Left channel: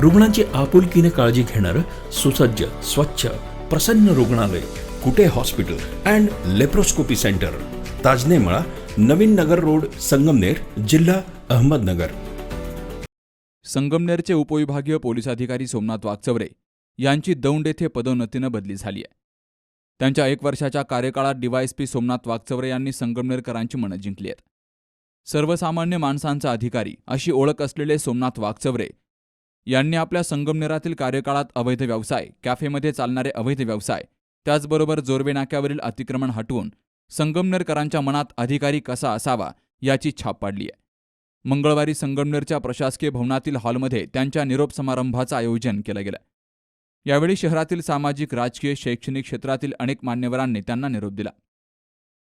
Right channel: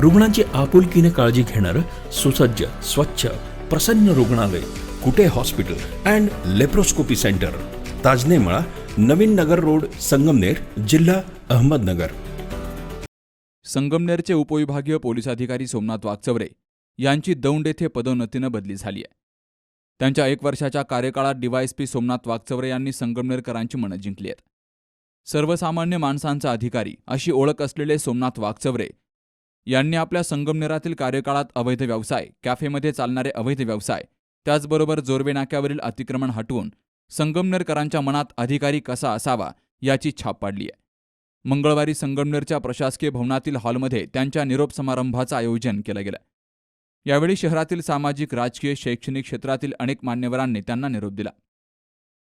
रुग्णांची आपुलकीने काळजी घेणारं सुसज्ज स्वच्छ प्रसन्न रुग्णालय Kute hospital and laparoscopy centre. Tajnemala Navin Nagar road Sangamner जिल्हा अहमदनगर. संगमनेरचे उपविभागीय पोलीस अधिकारी सोमनाथ वागचवरे यांची दौंड येथे पदोन्नतीनं बदली झाली आहे. त्यांच्या एक वर्षाच्या कार्यकाळात डीवायएसपी सोमनाथ वागचवरे यांनी संगमनेरकरांची मनं जिंकली आहेत. सर्वसामान्य माणसांचा अधिकारी अशी ओळख असलेले सोमनाथ वागचवरे यांनी आपल्या संगमनेरातील कार्यकाळात अवैध व्यवसाय कॅफेमध्ये चालणारे अवैध व्यवसाय त्याचबरोबर जोरवे नाक्यावरील अतिक्रमण हटवून संगमनेरकरांच्या मनात अधिकारी कसा असावा याची छाप पाडली आहे मंगळवारी संगमनेरच्या प्रशासकीय भवनातील हॉलमध्ये त्यांच्या निरोप समारंभाचं आयोजन केलं गेलं. यावेळी शहरातील सामाजिक राजकीय शैक्षणिक क्षेत्रातील अनेक मान्यवरांनी त्यांना निरोप दिला.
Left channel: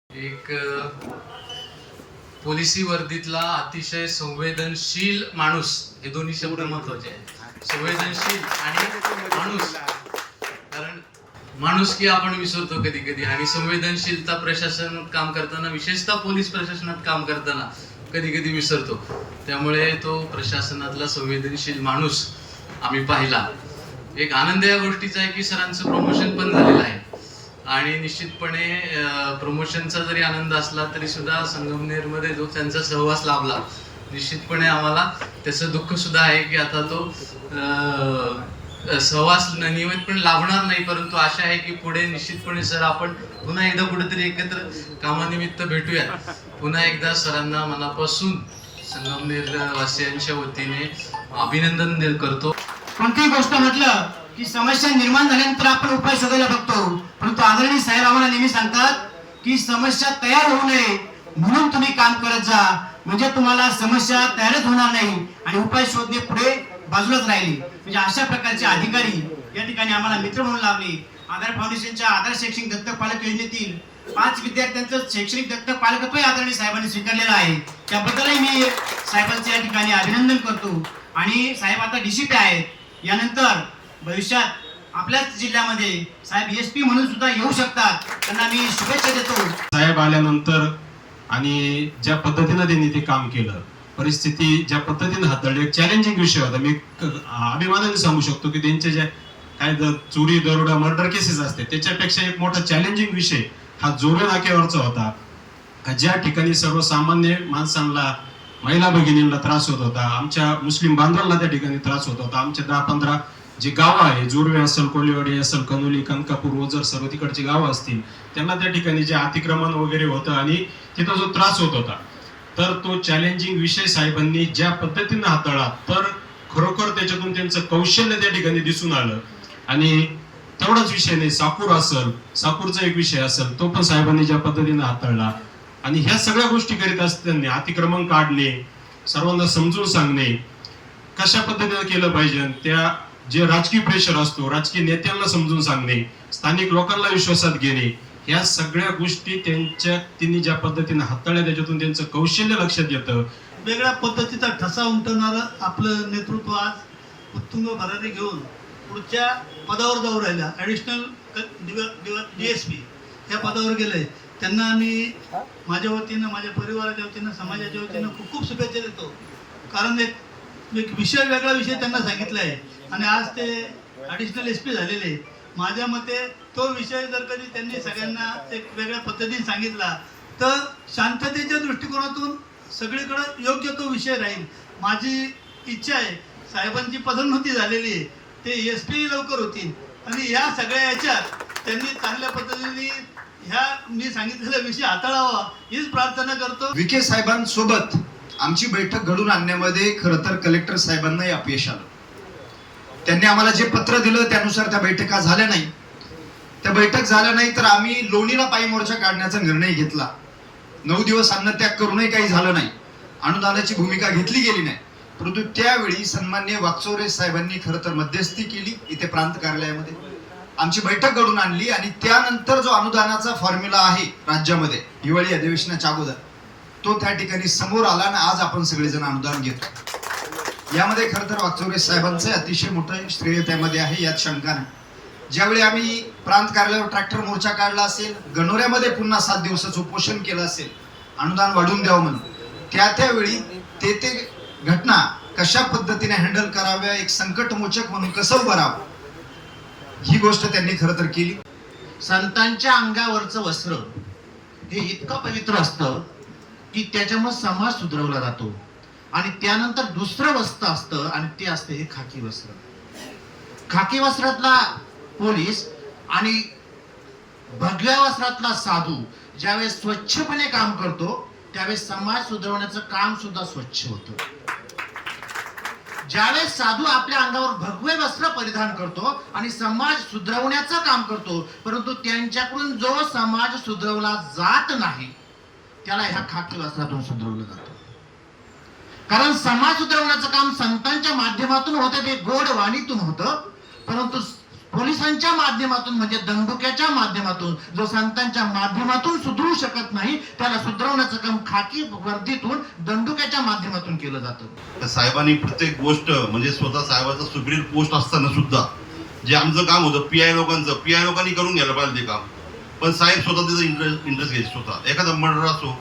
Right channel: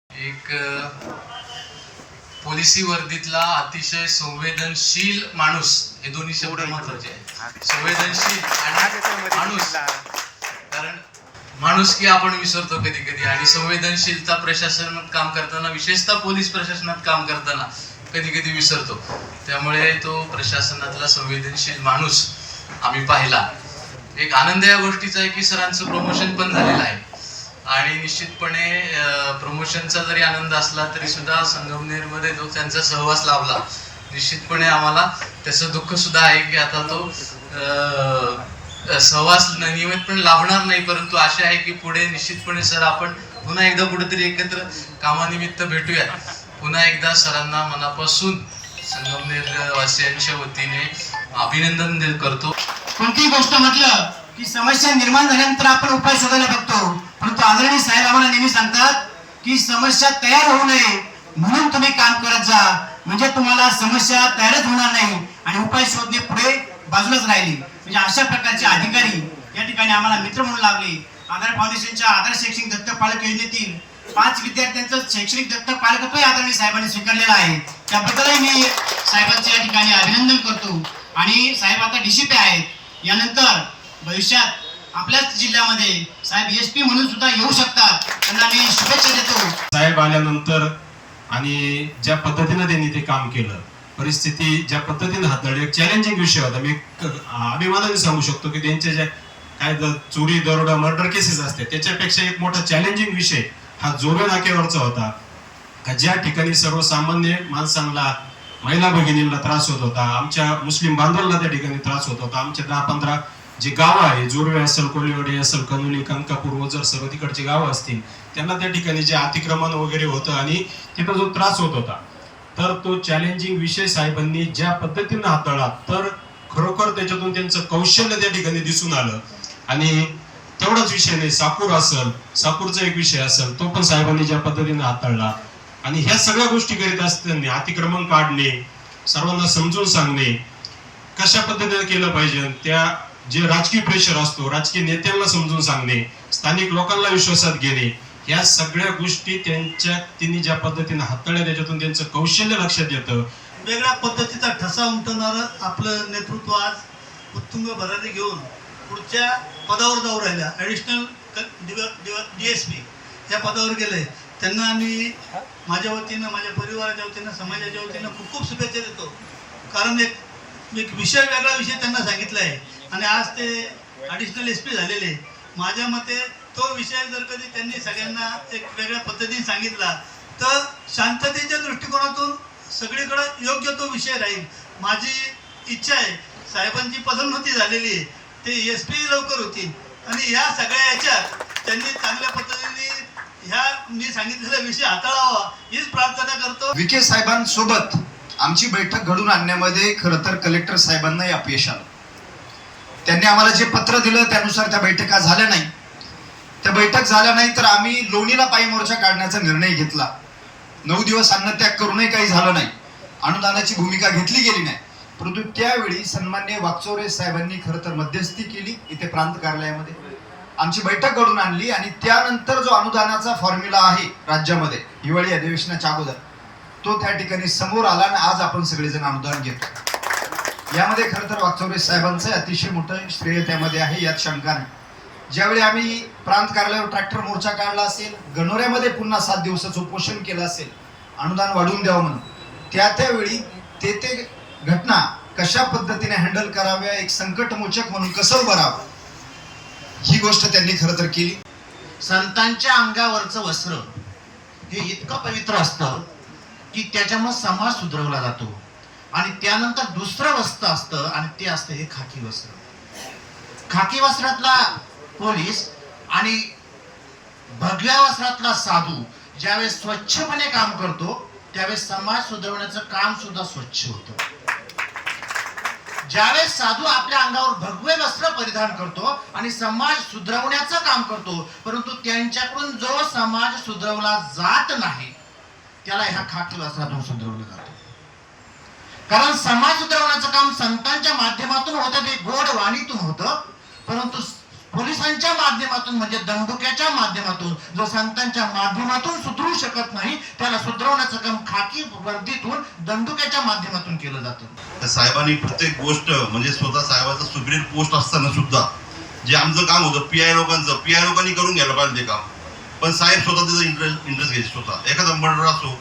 एक पोलिसी वर्दीतला अतिशय संवेदनशील माणूस हे दोन्ही शब्द महत्त्वाचे आहेत. संवेदनशील आणि माणूस. कारण माणूस की आपण विसरतो कधी कधी आणि संवेदनशीलता प्रशासनात काम करताना विशेषतः पोलीस प्रशासनात काम करताना कधी कधी विसरतो. त्यामुळे तो प्रशासनातला संवेदनशील माणूस आम्ही पाहिला. एक आनंद या गोष्टीचा आहे की सरांचं प्रमोशन पण झालेलं आहे. आणि निश्चितपणे प्रमोशनचा जरी आनंद असला तरी सुद्धा संगमनेरमध्ये जो त्यांचा सहवास लाभला निश्चितपणे आम्हाला त्याचं दुःख सुद्धा आहे की आता तो सहवास नियमितपणे लाभणार नाही परंतु आशा आहे की पुढे निश्चितपणे सर आपण पुन्हा एकदा कुठेतरी एकत्र कामानिमित्त भेटूया पुन्हा एकदा सरांना मनापासून संगमनेर वासियांच्या वतीने अभिनंदन करतो. कोणतीही गोष्ट म्हटलं की समस्या निर्माण झाल्यानंतर आपण उपाय शोधायला बघतो. परंतु आदरणीय साहेब आम्हाला नेहमी सांगतात की समस्या तयार होऊ नये म्हणून तुम्ही काम करत जा. म्हणजे तुम्हाला समस्या तयारच होणार नाही आणि उपाय शोधणे पुढे बाजूलाच राहिली. म्हणजे अशा प्रकारचे अधिकारी या ठिकाणी आम्हाला मित्र म्हणून लाभले. आधार फाउंडेशनच्या आधार शैक्षणिक दत्तक पालक योजनेतील पाच विद्यार्थ्यांचं शैक्षणिक दत्तक पालकत्वही आदरणीय साहेबांनी स्वीकारलेलं आहे. त्याबद्दलही मी साहेबांचं या ठिकाणी अभिनंदन करतो. आणि साहेब आता डीसीपी आहेत. यानंतर भविष्यात आपल्याच जिल्ह्यामध्ये साहेब एस पी म्हणून सुद्धा येऊ शकतात. त्यांना मी शुभेच्छा देतो. साहेब आल्यानंतर आणि ज्या पद्धतीनं त्यांनी ते काम केलं परिस्थिती ज्या पद्धतीने हाताळली एक चॅलेंजिंग विषय होता. मी अभिमानाने सांगू शकतो की त्यांचे ज्या काय चोरी दरोडा मर्डर केसेस असते त्याच्यापेक्षा एक मोठा चॅलेंजिंग विषय हा जोर नाक्यावरचा होता. का ज्या ठिकाणी सर्वसामान्य माणसांना महिला भगिनींना त्रास होत होता आमच्या मुस्लिम बांधवांना त्या ठिकाणी त्रास होत होता आमच्या दहा पंधरा जी गावं आहे जोरवे असेल कोल्हेवाडी असेल कनोली कनकापूर ओझर सर्व तिकडची गावं असतील त्यांना त्या ठिकाणी जे अतिक्रमण वगैरे होतं आणि तिथं जो त्रास होत होता तर तो चॅलेंजिंग विषय साहेबांनी ज्या पद्धतीनं हाताळला तर खरोखर त्याच्यातून त्यांचं कौशल्य त्या ठिकाणी दिसून आलं. आणि तेवढाच विषय नाही साकूर असेल साकूरचा एक विषय असेल तो पण साहेबांनी ज्या पद्धतीनं हाताळला. आणि ह्या सगळ्या गोष्टी करीत असताना अतिक्रमण काढणे सर्वांना समजून सांगणे कशा पद्धतीने केलं पाहिजे त्या जे राजकीय प्रेशर असतो राजकीय नेत्यांना समजून सांगणे स्थानिक लोकांना विश्वासात घेणे या सगळ्या गोष्टी त्यांच्या तिने ज्या पद्धतीने हाताळल्या त्याच्यातून त्यांचं कौशल्य लक्षात येतं. वेगळ्या पद्धतीचा ठसा उमटवणारं आपलं नेतृत्व आज उत्तुंग भरारी घेऊन पुढच्या पदावर जाऊ राहिल्या. ॲडिशनल डी एस पी या पदावर गेले. त्यांना आम्ही माझ्या वतीनं माझ्या परिवाराच्या वतीनं समाजाच्या वतीनं खूप खूप शुभेच्छा देतो. कारण एक एक विषय वेगळा विषय त्यांना सांगितला आहे. आणि आज ते ॲडिशनल एस पी झालेले. माझ्या मते तो विषय जर कधी त्यांनी सगळ्यांना एक वेगळ्या पद्धतीने सांगितला तर शांततेच्या दृष्टिकोनातून सगळीकडं योग्य तो विषय राहील. माझी इच्छा आहे साहेबांची पदोन्नती झालेली आहे ते एस पी लवकर होतील. आणि या सगळ्या याच्यात त्यांनी चांगल्या पद्धतीने ह्या मी सांगितलेला विषय हाताळावा हीच प्रार्थना करतो. विखे साहेबांसोबत आमची बैठक घडून आणण्यामध्ये खरं तर कलेक्टर साहेबांनाही अपयश आलं. त्यांनी आम्हाला जे पत्र दिलं त्यानुसार त्या बैठका झाल्या नाही. त्या बैठक झाल्या नाही तर आम्ही लोणीला पायी मोर्चा काढण्याचा निर्णय घेतला. नऊ दिवस अन्नत्याग करूनही काही झालं नाही. अनुदानाची भूमिका घेतली गेली नाही. परंतु त्यावेळी सन्मान्य वाकचोरे साहेबांनी खरं तर मध्यस्थी केली इथे प्रांत कार्यालयामध्ये. आमची बैठक घडून आणली आणि त्यानंतर जो अनुदानाचा फॉर्म्युला आहे राज्यामध्ये हिवाळी अधिवेशनाच्या अगोदर तो त्या ठिकाणी समोर आला आणि आज आपण सगळेजण अनुदान घेतो. यामध्ये खरं तर वाकचौरे साहेबांचं अतिशय मोठं श्रेय त्यामध्ये आहे यात शंका नाही. ज्यावेळी आम्ही प्रांत कार्यालयावर ट्रॅक्टर मोर्चा काढला असेल गणोऱ्यामध्ये पुन्हा सात दिवसाचं उपोषण केलं असेल अनुदान वाढवून द्यावं म्हणून त्या त्यावेळी ते ते घटना कशा पद्धतीने हँडल कराव्या एक संकटमोचक म्हणून कसं उभं राहावं ही गोष्ट त्यांनी खरं तर केली. संतांच्या अंगावरचं वस्त्र हे इतकं पवित्र असतं की त्याच्यामुळे समाज सुधरवला जातो. आणि त्यानंतर दुसरं वस्त्र असतं आणि ते असतं हे खाकी वस्त्र. खाकी वस्त्रातला पोलीस आणि भगव्या वस्त्रातला साधू ज्यावेळेस स्वच्छपणे काम करतो त्यावेळेस समाज सुधारवण्याचं काम सुद्धा स्वच्छ होतं. ज्यावेळेस साधू आपल्या अंगावर भगवे वस्त्र परिधान करतो आणि समाज सुधरवण्याचं काम करतो परंतु त्यांच्याकडून जो समाज सुधरवला जात नाही त्याला ह्या खाकी वस्त्रातून सुधरवलं जातं. कारण समाज सुधारवण्याचं काम संतांच्या माध्यमातून होतं ते गोड वाणीतून होतं. परंतु पोलिसांच्या माध्यमातून म्हणजे दंडुक्याच्या माध्यमातून जो संतांच्या माध्यमातून सुधरू शकत नाही त्याला सुधरवण्याचं काम खाकी वर्दीतून दंडुक्याच्या माध्यमातून केलं जातं. तर साहेबांनी प्रत्येक गोष्ट म्हणजे स्वतः साहेबाचं सुप्रीम पोस्ट असताना सुद्धा जे आमचं काम होतं पी आय लोकांचं पी आय लोकांनी करून घ्यायला पाहिजे ते काम. पण साहेब स्वतः त्याचा इंटरेस्ट इंटरेस्ट घ्यायचे स्वतः. एखादा मर्डर असो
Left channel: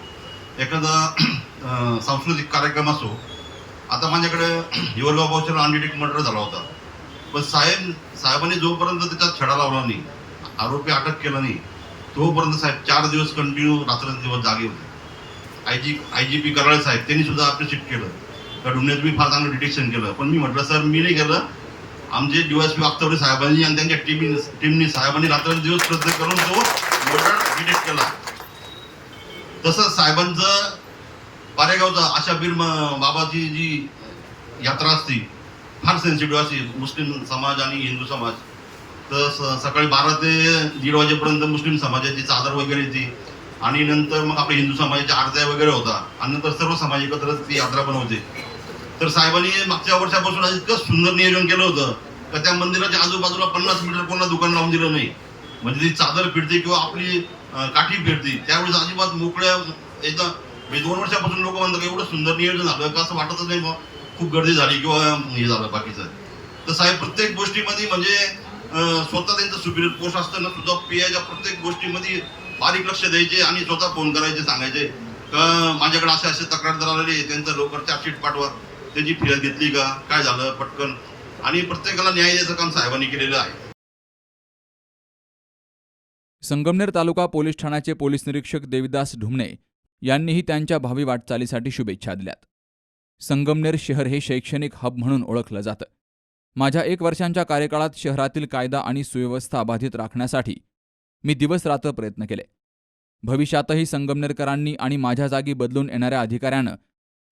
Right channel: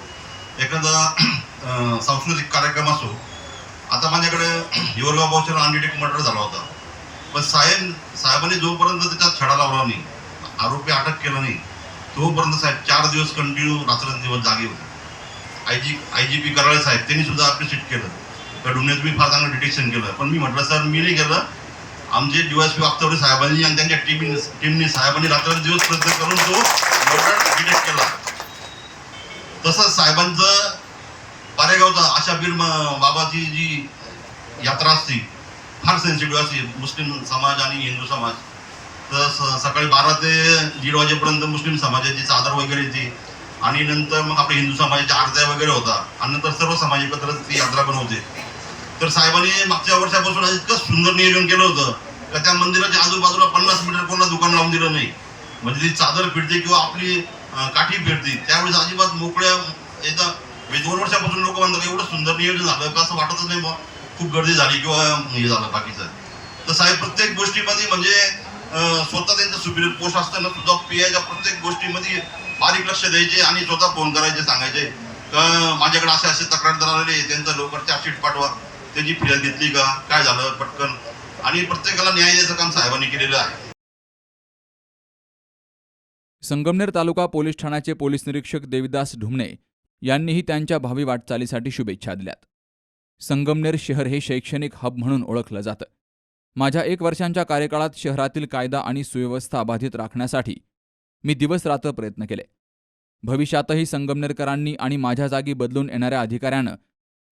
एखादा सांस्कृतिक कार्यक्रम असो आता माझ्याकडे हिवरगाव भाऊच्या अनडिटेक्ट मर्डर झाला होता. पण साहेब साहेबांनी जोपर्यंत त्याच्यात छडा लावला नाही आरोपी अटक केला नाही तोपर्यंत साहेब चार दिवस कंटिन्यू रात्रंदिवस जागे होते. I G I G P Karale साहेब त्यांनी सुद्धा अप्रिशिएट केलं. त्या डुन्यात मी फार चांगलं डिटेक्शन केलं. पण मी म्हटलं सर मी नाही केलं. आमचे डीवायसपी वागतवडे साहेबांनी आणि त्यांच्या टीमने टीमने साहेबांनी रात्रंदिवस प्रयत्न करून तो मर्डर डिटेक्ट केला. तसंच साहेबांचं पारेगावचा आशा बीर बाबाची जी यात्रा असते फार सेन्सिटिव्ह असते मुस्लिम समाज आणि हिंदू समाज. तर स- सकाळी बारा ते दीड वाजेपर्यंत मुस्लिम समाजाची चादर वगैरे येते आणि नंतर मग आपल्या हिंदू समाजाच्या आरत्या वगैरे होता आणि नंतर सर्व समाज एकत्र ती यात्रा पण होते. तर साहेबांनी मागच्या वर्षापासून इतकं सुंदर नियोजन केलं होतं का त्या मंदिराच्या आजूबाजूला पन्नास मीटर कोणा दुकान लावून दिलं नाही. म्हणजे ती चादर फिरते किंवा आपली काठी फिरते. त्यावेळेस अजिबात मोकळ्या एकदा म्हणजे दोन वर्षापासून लोक म्हणतात एवढं सुंदर नियोजन झालं का असं वाटतच नाही बुवा. खूप गर्दी झाली किंवा हे झालं बाकीचं. तर साहेब प्रत्येक गोष्टीमध्ये म्हणजे स्वतः त्यांचं सुपिरियर पोस्ट असताना सुद्धा पी आयच्या प्रत्येक गोष्टीमध्ये बारीक लक्ष द्यायचे आणि स्वतः फोन करायचे सांगायचे का माझ्याकडे असे असे तक्रारदार आलेले त्यांचं लवकर चार्जशीट पाठवा. त्यांची फिर्याद घेतली का? काय झालं? पटकन. आणि प्रत्येकाला न्याय द्यायचं काम साहेबांनी केलेलं आहे. संगमनेर तालुका पोलीस ठाण्याचे पोलीस निरीक्षक देविदास ढुमणे यांनीही त्यांच्या भावी वाटचालीसाठी शुभेच्छा दिल्यात. संगमनेर शहर हे शैक्षणिक हब म्हणून ओळखलं जातं. माझ्या एक वर्षांच्या कार्यकाळात शहरातील कायदा आणि सुव्यवस्था अबाधित राखण्यासाठी मी दिवस रात्र प्रयत्न केले. भविष्यातही संगमनेरकरांनी आणि माझ्या जागी बदलून येणाऱ्या अधिकाऱ्यानं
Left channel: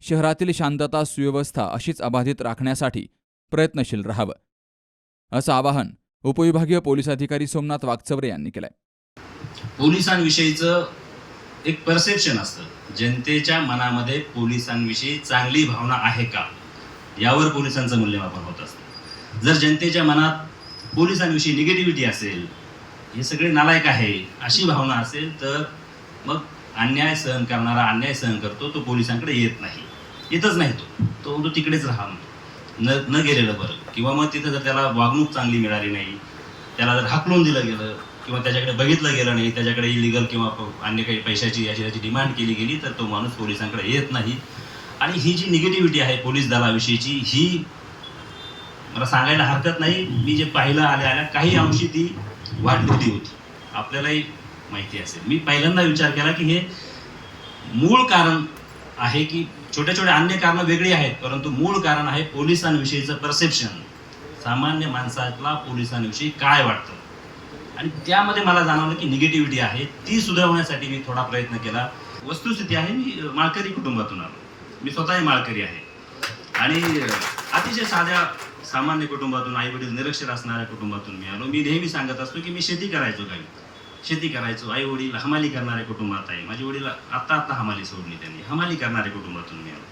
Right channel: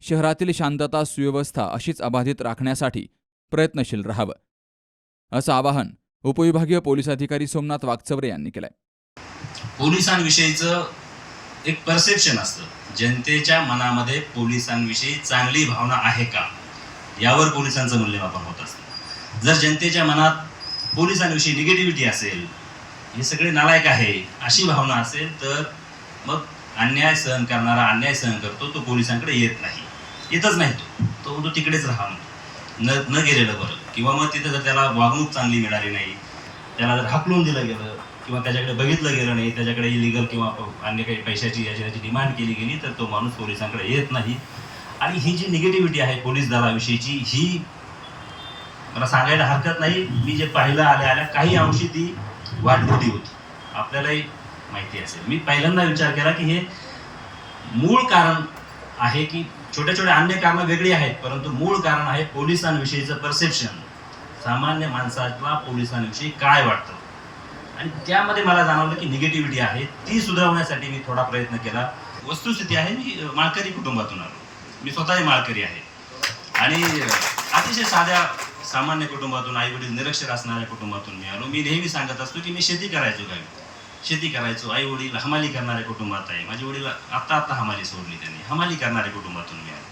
शहरातील शांतता सुव्यवस्था अशीच अबाधित राखण्यासाठी प्रयत्नशील राहावं. असं आवाहन उपविभागीय पोलीस अधिकारी सोमनाथ वागचवरे यांनी केलंय. पोलिसांविषयीचं एक परसेप्शन असतं. जनतेच्या मनामध्ये पोलिसांविषयी चांगली भावना आहे का? यावर पोलिसांचं मूल्यमापन होत असतं. जर जनतेच्या मनात पोलिसांविषयी निगेटिव्हिटी असेल हे सगळे नालायक आहे अशी भावना असेल तर मग अन्याय सहन करणारा अन्याय सहन करतो तो पोलिसांकडे येत नाही. येतच नाही तो. तो तो तिकडेच राहा न न गेलेलं बरं. किंवा मग तिथं जर त्याला वागणूक चांगली मिळाली नाही त्याला जर हाकलून दिलं गेलं किंवा त्याच्याकडे बघितलं गेलं नाही त्याच्याकडे इलिगल किंवा अन्य काही पैशाची याची याची डिमांड केली गेली तर तो माणूस पोलिसांकडे येत नाही. आणि ही जी निगेटिव्हिटी आहे पोलीस दलाविषयीची ही मला सांगायला हरकत नाही. मी जे पाहिलं आल्या आल्या काही अंशी ती वाढलेली होती. आपल्यालाही माहिती असेल. मी पहिल्यांदा विचार केला की हे मूळ कारण आहे की छोट्या छोट्या अन्य कारणं वेगळी आहेत परंतु मूळ कारण आहे पोलिसांविषयीचं परसेप्शन सामान्य माणसाला पोलिसांविषयी काय वाटतं? आणि त्यामध्ये मला जाणवलं की निगेटिव्हिटी आहे. ती सुधारवण्यासाठी मी थोडा प्रयत्न केला. वस्तुस्थिती आहे मी माळकरी कुटुंबातून आलो. मी स्वतःही माळकरी आहे. आणि अतिशय साध्या सामान्य कुटुंबातून आई वडील निरक्षर असणाऱ्या कुटुंबातून मी आलो. मी नेहमी सांगत असतो की मी शेती करायचो काय? शेती करायचो. आई वडील हमाली करणाऱ्या कुटुंबात आहे. माझे वडील आत्ता आत्ता हमाली सोडली त्यांनी. हमाली करणाऱ्या कुटुंबातून मी आलो.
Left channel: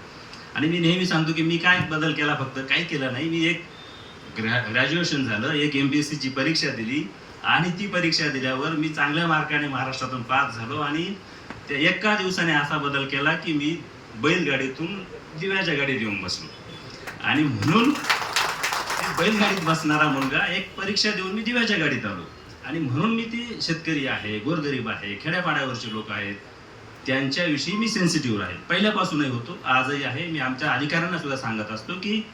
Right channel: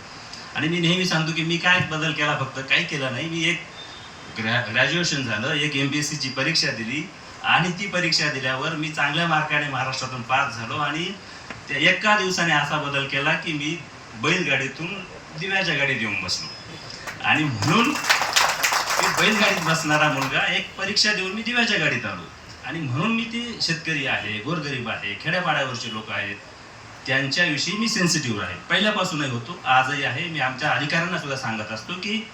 आणि मी नेहमी सांगतो की मी काय बदल केला फक्त? काही केलं नाही. मी एक ग्रॅ ग्रॅज्युएशन झालं. एक एम पी एस सीची परीक्षा दिली. आणि ती परीक्षा दिल्यावर मी चांगल्या मार्काने महाराष्ट्रातून पास झालो आणि त्या एका दिवसाने असा बदल केला की मी बैलगाडीतून दिव्याच्या गाडीत येऊन बसलो. आणि म्हणून मी बैलगाडीत बसणारा मुलगा एक परीक्षा देऊन मी दिव्याच्या गाडीत आलो. आणि म्हणून मी ते शेतकरी आहे गोरगरीब आहे खेड्यापाड्यावरचे लोक आहेत. त्यांच्याविषयी मी सेन्सिटिव्ह आहे. पहिल्यापासूनही होतो आजही आहे. मी आमच्या अधिकाऱ्यांना सुद्धा सांगत असतो की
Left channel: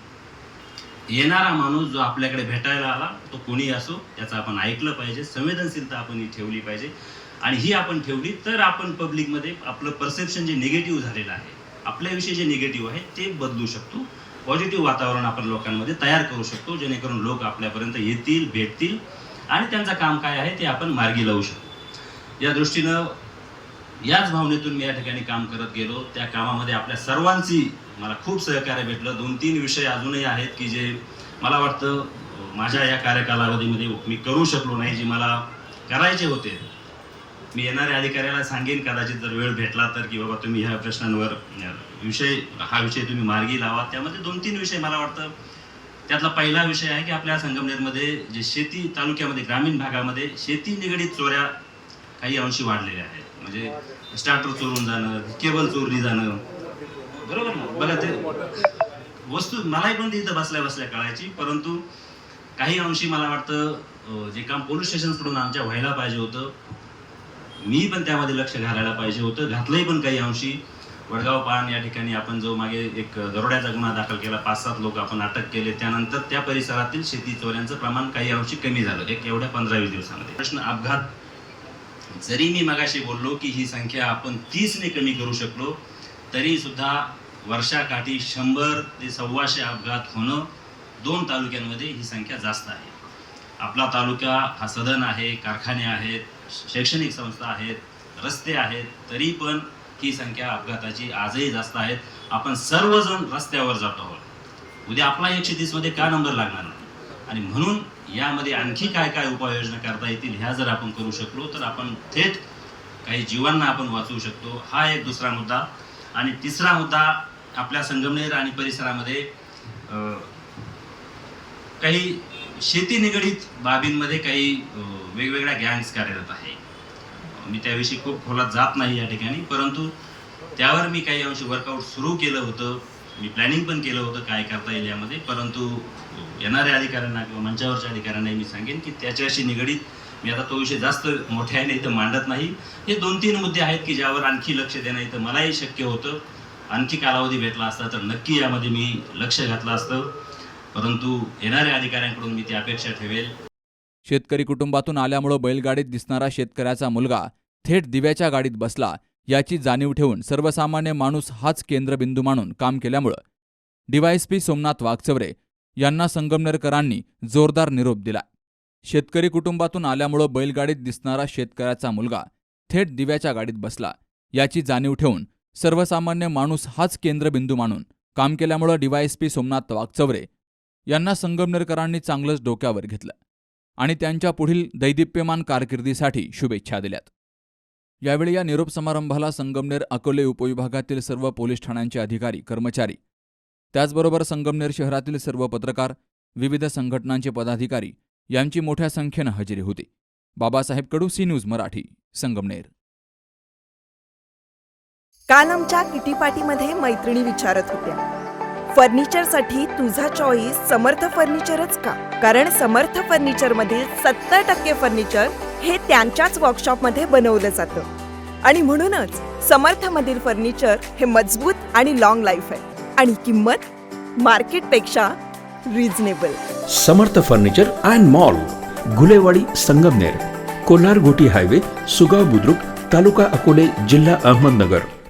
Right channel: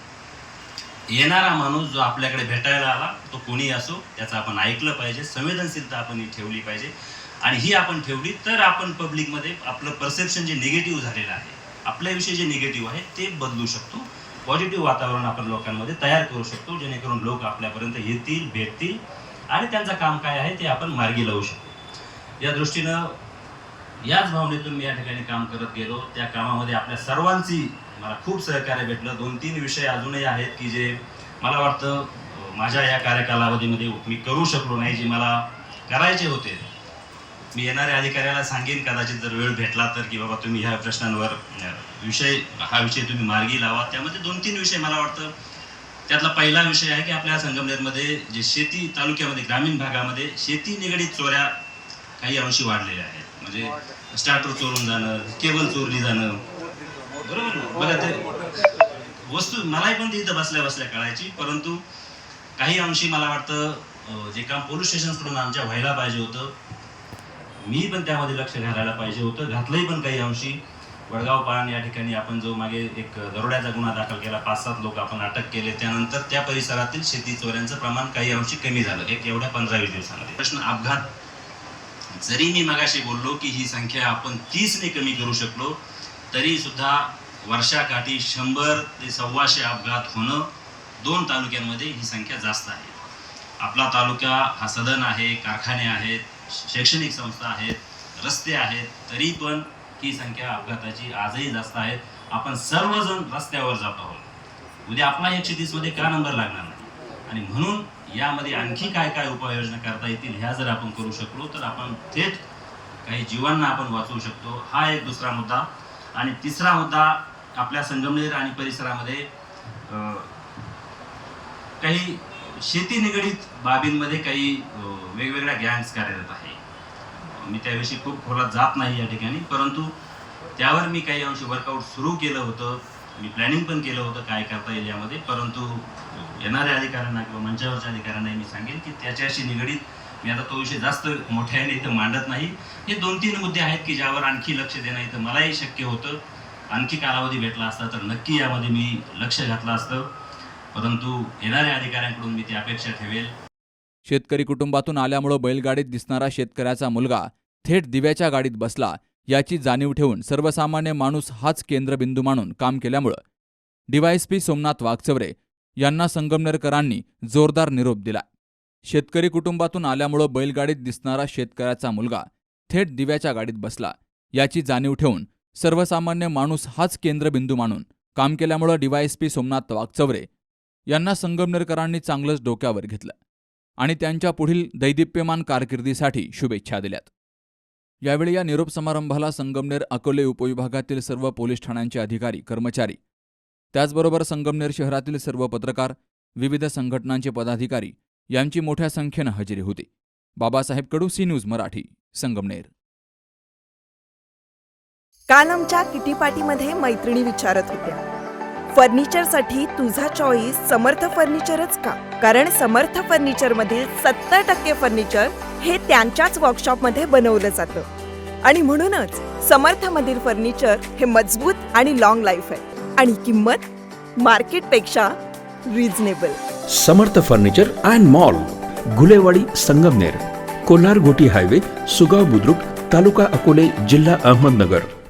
येणारा माणूस जो आपल्याकडे भेटायला आला तो कोणी असो त्याचं आपण ऐकलं पाहिजे संवेदनशीलता आपण ही ठेवली पाहिजे. आणि ही आपण ठेवली तर आपण पब्लिकमध्ये आपलं परसेप्शन जे निगेटिव्ह झालेलं आहे आपल्याविषयी जे निगेटिव्ह आहे ते बदलू शकतो. पॉझिटिव्ह वातावरण आपण लोकांमध्ये तयार करू शकतो जेणेकरून लोक आपल्यापर्यंत येतील भेटतील. आणि त्यांचं काम काय आहे ते आपण मार्गी लावू शकतो. या दृष्टीनं याच भावनेतून मी या ठिकाणी काम करत गेलो. त्या कामामध्ये आपल्या सर्वांची मला खूप सहकार्य भेटलं. दोन तीन विषय अजूनही आहेत की जे मला वाटतं माझ्या या कार्यकालावधीमध्ये मी करू शकलो नाही जे मला करायचे होते. मी येणाऱ्या अधिकाऱ्याला सांगेन कदाचित जर वेळ भेटला तर की बाबा तुम्ही ह्या प्रश्नांवर विषय हा विषय तुम्ही मार्गी लावा. त्यामध्ये दोन तीन विषय मला वाटतं त्यातला पहिला विषय आहे की आपल्या संगमनेरमध्ये जे शेती तालुक्यामध्ये ग्रामीण भागामध्ये शेती निगडीत चोऱ्या काही अंशी वाढलेल्या आहेत. म्हणजे स्टार्टर चोरून जाणं केबल चोरली जाणं. बरोबर ना? बघा ते वस्तू मलाही पण तिथं बसल्या बसल्या कळायची परंतु काही अंशी मला वाटतं जे काम पोलीस स्टेशनकडून आमच्या व्हायला पाहिजे होतं मी पण त्यामध्ये लक्ष घालायला पाहिजे होतं. घातलंही पण काही अंशी. वडगाव पान या ठिकाणी आपण जो मागे एक दरोड्याचा गुन्हा दाखल केला पाच सात लोक आपण अटक केले त्यानंतर त्या परिसरातील शेती चोऱ्यांचं प्रमाण काही अंशी कमी झालं. एक एवढ्या पंधरावीस दिवसामध्ये. प्रश्न अपघात जरी मी मगाशी बोललो की ही संख्या आपण तीसने कमी करू शकलो तरी सुद्धा वर्षाकाठी शंभर ते सव्वाशे अपघात होणं दोन तालुक्यांमध्ये ही संख्या जास्त आहे. आपला तालुका हा सदन आहे कारखाने आहेत शैक्षणिक संस्था आहेत रस्ते आहेत तरी पण ही संख्या अपघाताची आजही जास्त आहे. आपण सर्वजण रस्त्यावर जात आहोत. उद्या आपला एकशे तीसमध्ये का नंबर लागणार नाही? आणि म्हणून यामध्ये आणखी काय काय उपाययोजना करता येतील ह्या जर आपण करू शकलो तर आपण थेट काही जीवांना आपण वाचवू शकतो. हा एक दुसरा मुद्दा. आणि तिसरा मुद्दा आपल्या संगमनेर आणि परिसरामध्ये काही शेती निगडीत बाबींमध्ये काही वेगवेगळ्या गँग्स कार्यरत आहे. मी त्याविषयी खूप खोलात जात नाही या ठिकाणी परंतु त्यावर मी काही अंशी वर्कआउट सुरू केलं होतं. मी प्लॅनिंग पण केलं होतं काय करता येईल यामध्ये परंतु येणाऱ्या अधिकाऱ्यांना किंवा मंचावरच्या अधिकाऱ्यांनाही मी सांगेन की त्याच्याशी निगडीत मी आता तो विषय जास्त मोठ्याने इथं मांडत नाही. हे दोन तीन मुद्दे आहेत की ज्यावर आणखी लक्ष देणं इथं मलाही शक्य होतं. आणखी कालावधी भेटला असता तर नक्की यामध्ये मी लक्ष घातलं असतं. परंतु येणाऱ्या अधिकाऱ्यांकडून मी ती अपेक्षा ठेवेल. शेतकरी कुटुंबातून आल्यामुळं बैलगाडीत दिसणारा शेतकऱ्याचा मुलगा थेट दिव्याच्या गाडीत बसला. याची जाणीव ठेवून सर्वसामान्य माणूस हाच केंद्रबिंदू मानून काम केल्यामुळं डीवायएसपी सोमनाथ वागचवरे यांना संगमनेरकरांनी जोरदार निरोप दिला. शेतकरी कुटुंबातून आल्यामुळं बैलगाडीत दिसणारा शेतकऱ्याचा मुलगा थेट दिव्याच्या गाडीत बसला. याची जाणीव ठेवून सर्वसामान्य माणूस हाच केंद्रबिंदू मानून काम केल्यामुळं डीवायएसपी सोमनाथ वागचवरे यांना संगमनेरकरांनी चांगलंच डोक्यावर घेतलं आणि त्यांच्या पुढील दैदिप्यमान कारकिर्दीसाठी शुभेच्छा दिल्यात. यावेळी या निरोप समारंभाला संगमनेर अकोले उपविभागातील सर्व पोलीस ठाण्यांचे अधिकारी कर्मचारी त्याचबरोबर संगमनेर शहरातील सर्व पत्रकार विविध संघटनांचे पदाधिकारी यांची मोठ्या संख्येनं हजेरी होती. Babasaheb Kadu C news Marathi Sangamner. काल आमच्या किटी पार्टीमध्ये मैत्रिणी विचारत होत्या. फर्निचरसाठी तुझा चॉईस समर्थ फर्निचरच का? कारण समर्थ फर्निचरमधील सत्तर टक्के फर्निचर हे त्यांच्याच वर्कशॉपमध्ये बनवलं जातं. आणि म्हणूनच समर्थमधील फर्निचर हे मजबूत आणि लॉंग लाईफ आहे. आणि किंमत मार्केटपेक्षा reasonable Samarth furniture and mall Gulewadi Sangamner Kolhar Ghoti highway Sugaon Budruk taluka Akole जिल्हा अहमदनगर.